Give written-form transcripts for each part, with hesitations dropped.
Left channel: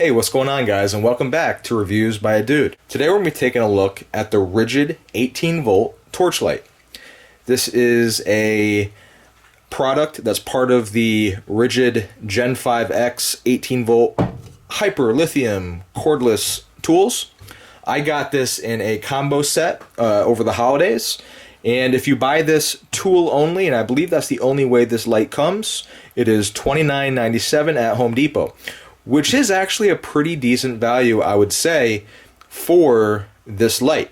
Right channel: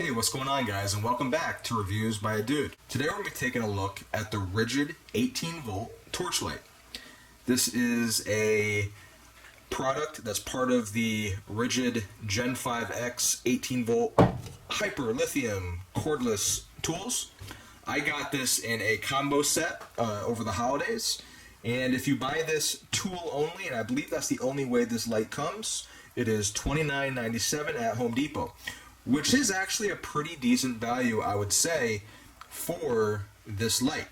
Hey, what's going on, guys, and welcome back to Reviews by a Dude. Today we're going to be taking a look at the Rigid 18-volt torch light. This is a product that's part of the Rigid Gen 5X 18-volt Hyper Lithium cordless tools. I got this in a combo set over the holidays, and if you buy this tool only, and I believe that's the only way this light comes, it is $29.97 at Home Depot, which is actually a pretty decent value, I would say, for this light.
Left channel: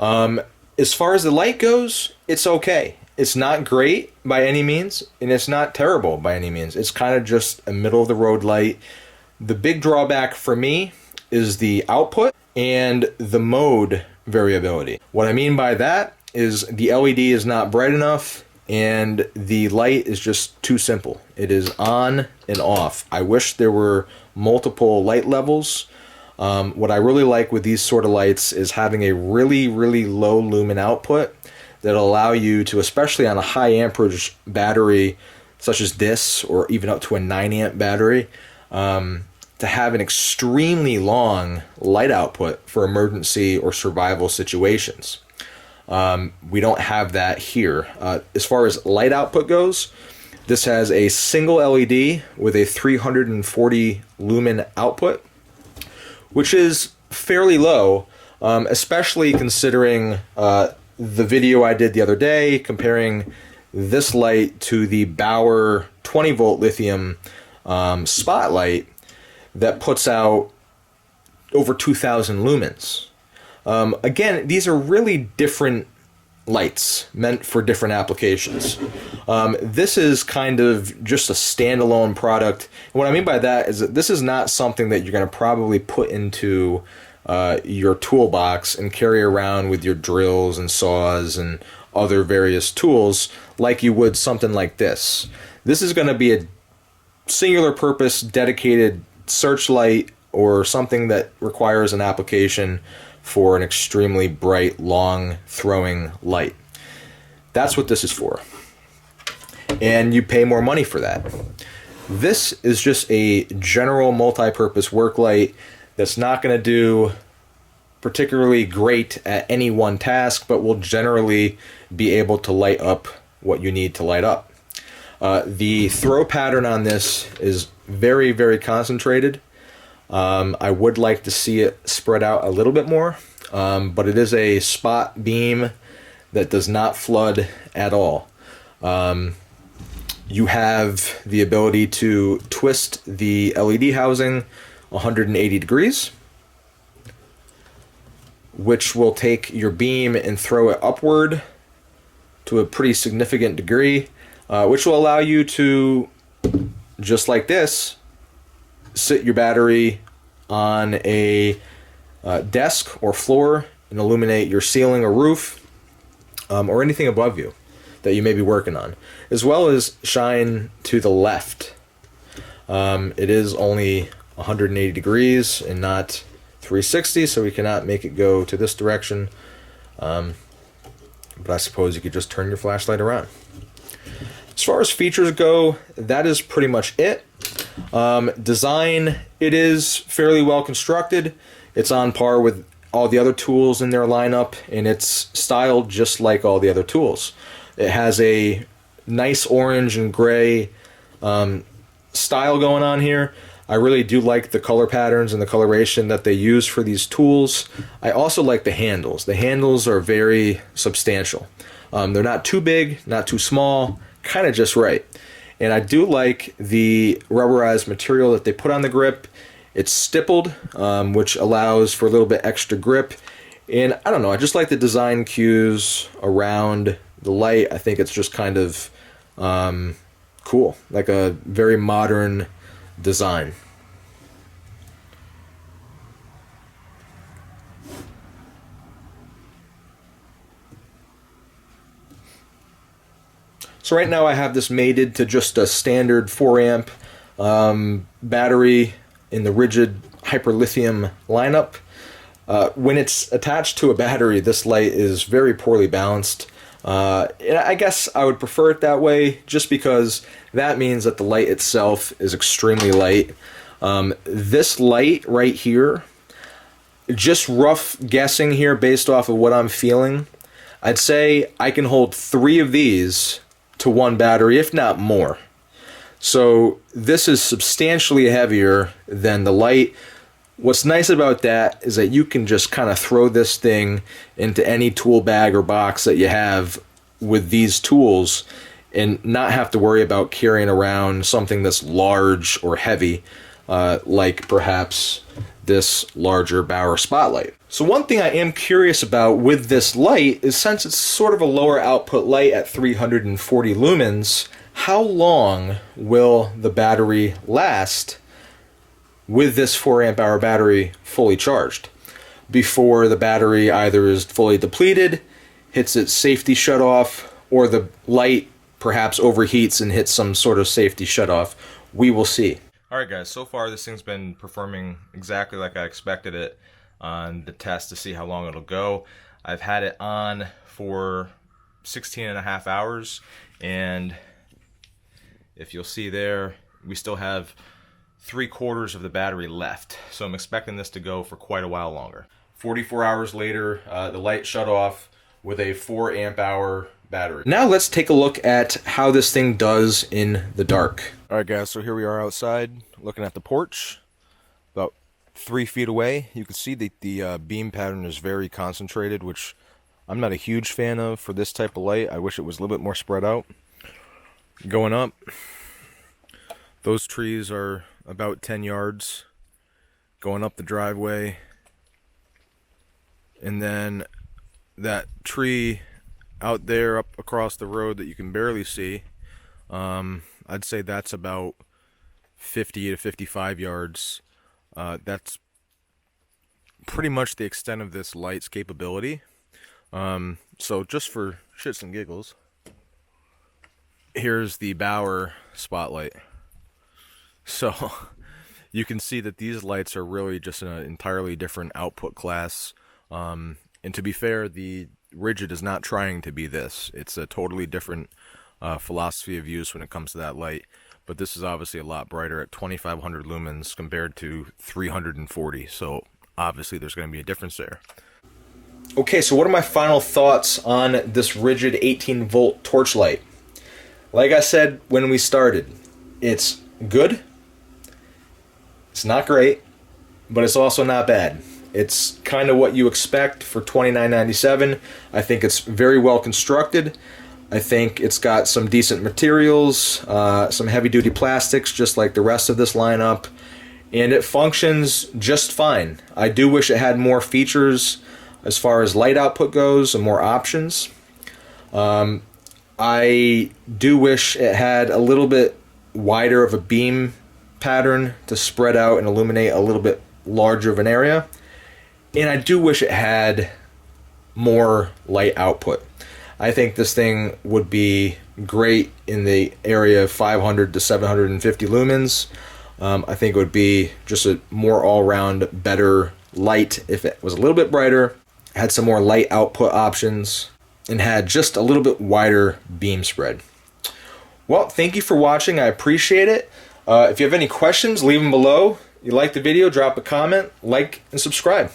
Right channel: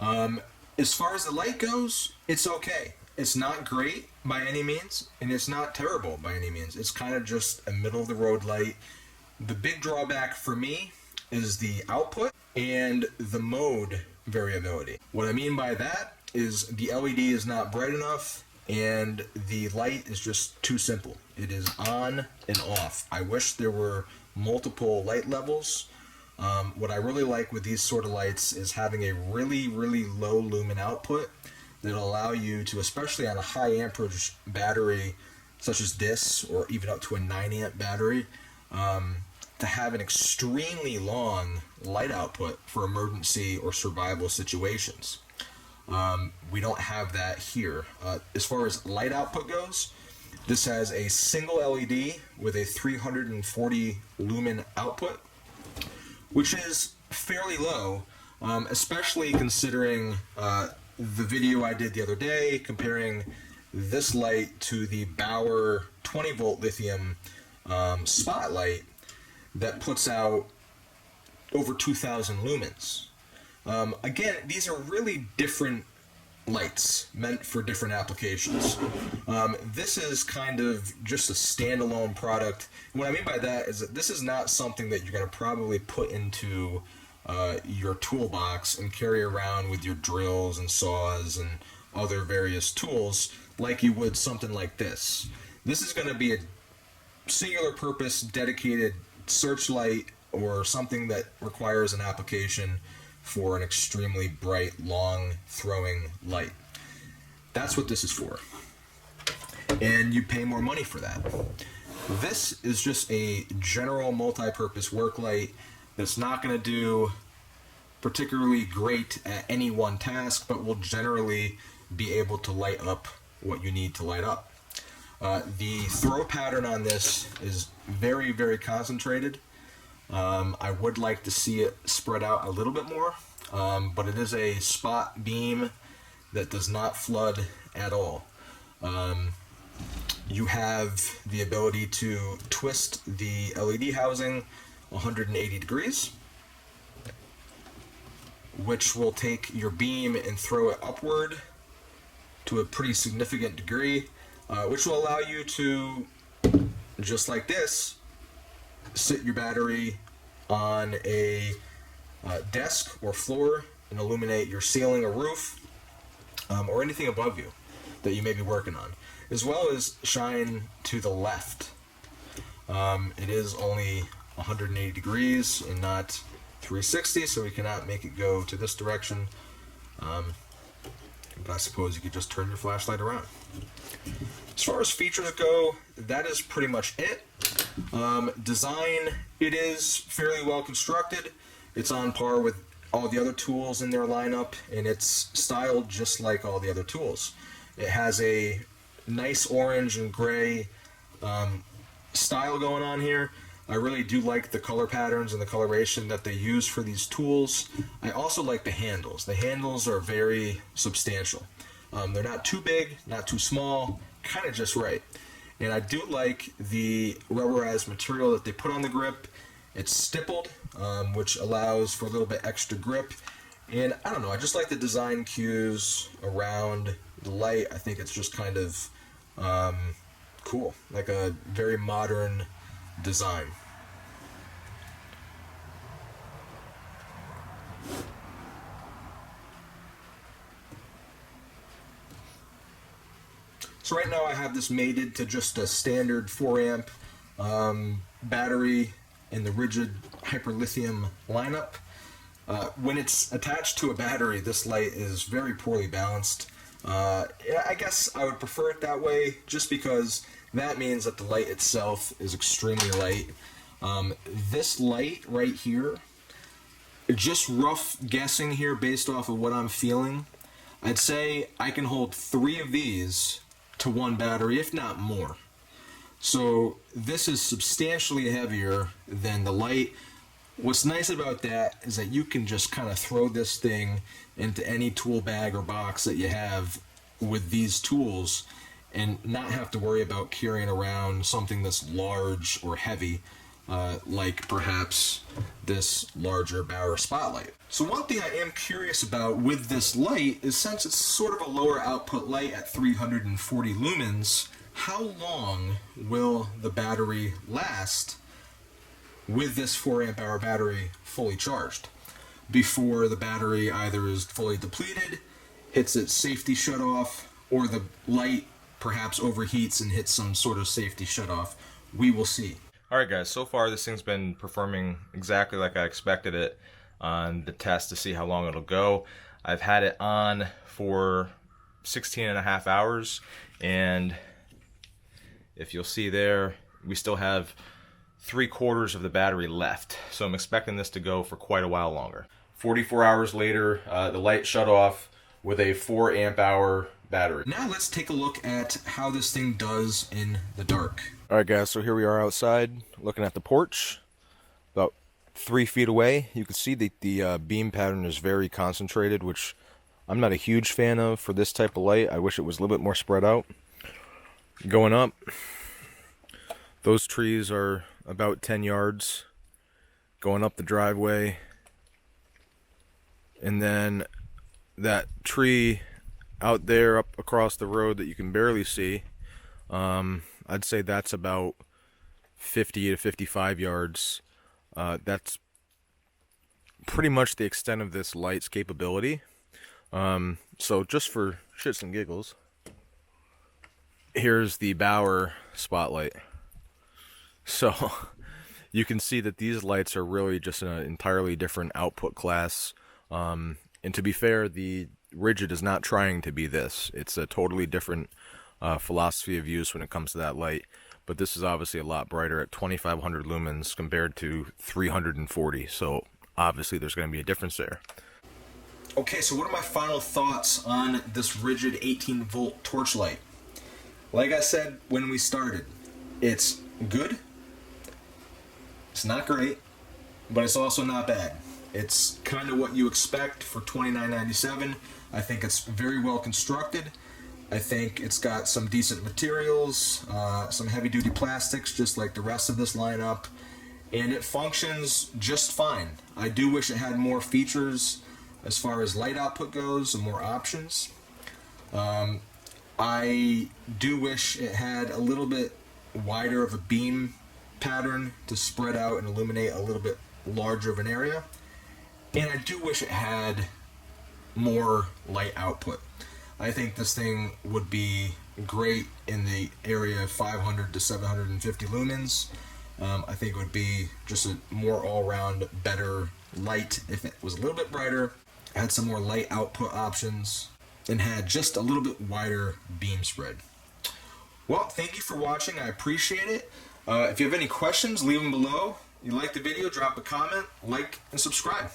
As far as the light goes, it's okay. It's not great by any means, and it's not terrible by any means. It's kind of just a middle-of-the-road light. The big drawback for me is the output and the mode variability. What I mean by that is the LED is not bright enough, and the light is just too simple. It is on and off. I wish there were multiple light levels. What I really like with these sort of lights is having a really low lumen output that'll allow you to, especially on a high amperage battery such as this, or even up to a 9 amp battery, to have an extremely long light output for emergency or survival situations. We don't have that here. As far as light output goes, this has a single LED with a 340 lumen output, which is fairly low, especially considering the video I did the other day comparing this light to the Bauer 20 volt lithium spotlight that puts out over 2,000 lumens. Again, these are really different lights meant for different applications. This is kind of just a standalone product. And what I mean by that is that this is not something that you're going to probably put into your toolbox and carry around with your drills and saws and other various tools like you would something like this. This is going to be a singular purpose dedicated searchlight or something that requires an application for an extremely bright, long throwing light. That's what this is for. And you pay more money for that. This is just a general multi-purpose work light that's not going to do particularly great at any one task, but will generally be able to light up what you need to light up. The throw pattern on this is very concentrated. I would like to see it spread out a little bit more, but it is a spot beam that does not flood at all. You have the ability to twist the LED housing 180 degrees, which will take your beam and throw it upward to a pretty significant degree, which will allow you to, just like this, sit your battery on a desk or floor and illuminate your ceiling or roof, or anything above you that you may be working on, as well as shine to the left. It is only 180 degrees and not 360, so we cannot make it go to this direction, but I suppose you could just turn your flashlight around. As far as features go, that is pretty much it. Design, it is fairly well constructed. It's on par with all the other tools in their lineup, and it's styled just like all the other tools. It has a nice orange and gray style going on here. I really do like the color patterns and the coloration that they use for these tools. I also like the handles. The handles are very substantial. They're not too big, not too small, kind of just right. And I do like the rubberized material that they put on the grip. It's stippled, which allows for a little bit extra grip. And I don't know, I just like the design cues around the light. I think it's just kind of cool, like a very modern design. So right now I have this mated to just a standard 4 amp battery in the Rigid Hyper Lithium lineup. When it's attached to a battery, this light is very poorly balanced. And I guess I would prefer it that way, just because that means that the light itself is extremely light. This light right here, just rough guessing here based off of what I'm feeling, I'd say I can hold 3 of these to one battery, if not more. So this is substantially heavier than the light. What's nice about that is that you can just kind of throw this thing into any tool bag or box that you have with these tools and not have to worry about carrying around something that's large or heavy, like perhaps this larger Bauer spotlight. So one thing I am curious about with this light is, since it's sort of a lower output light at 340 lumens, how long will the battery last with this 4 amp hour battery fully charged before the battery either is fully depleted, hits its safety shutoff, or the light perhaps overheats and hits some sort of safety shutoff? We will see. Alright guys, so far this thing's been performing exactly like I expected it on the test to see how long it'll go. I've had it on for 16.5 hours, and if you'll see there, we still have 3/4 of the battery left. So I'm expecting this to go for quite a while longer. 44 hours later, the light shut off with a 4 amp hour battery. Now let's take a look at how this thing does in the dark. Alright guys, so here we are outside looking at the porch. About 3 feet away, you can see that the beam pattern is very concentrated, which I'm not a huge fan of for this type of light. I wish it was a little bit more spread out. Going up, those trees are about 10 yards going up the driveway, and then that tree out there up across the road that you can barely see, I'd say that's about 50 to 55 yards. That's pretty much the extent of this light's capability. So just for shits and giggles, here's the Bauer spotlight. So you can see that these lights are really just an entirely different output class. And to be fair, the Rigid is not trying to be this. It's a totally different philosophy of use when it comes to that light. But this is obviously a lot brighter at 2500 lumens compared to 340. So obviously there's going to be a difference there. Okay, so what are my final thoughts on this Rigid 18 volt torch light? Like I said when we started, it's good. It's not great, but it's also not bad. It's kind of what you expect for $29.97. I think it's very well constructed. I think it's got some decent materials, some heavy-duty plastics, just like the rest of this lineup, and it functions just fine. I do wish it had more features as far as light output goes and more options. I do wish it had a little bit wider of a beam pattern to spread out and illuminate a little bit larger of an area. And I do wish it had more light output. I think this thing would be great in the area of 500 to 750 lumens. I think it would be just a more all-around better light if it was a little bit brighter, had some more light output options, and had just a little bit wider beam spread. Well, thank you for watching. I appreciate it. If you have any questions, leave them below. If you like the video, drop a comment, like, and subscribe.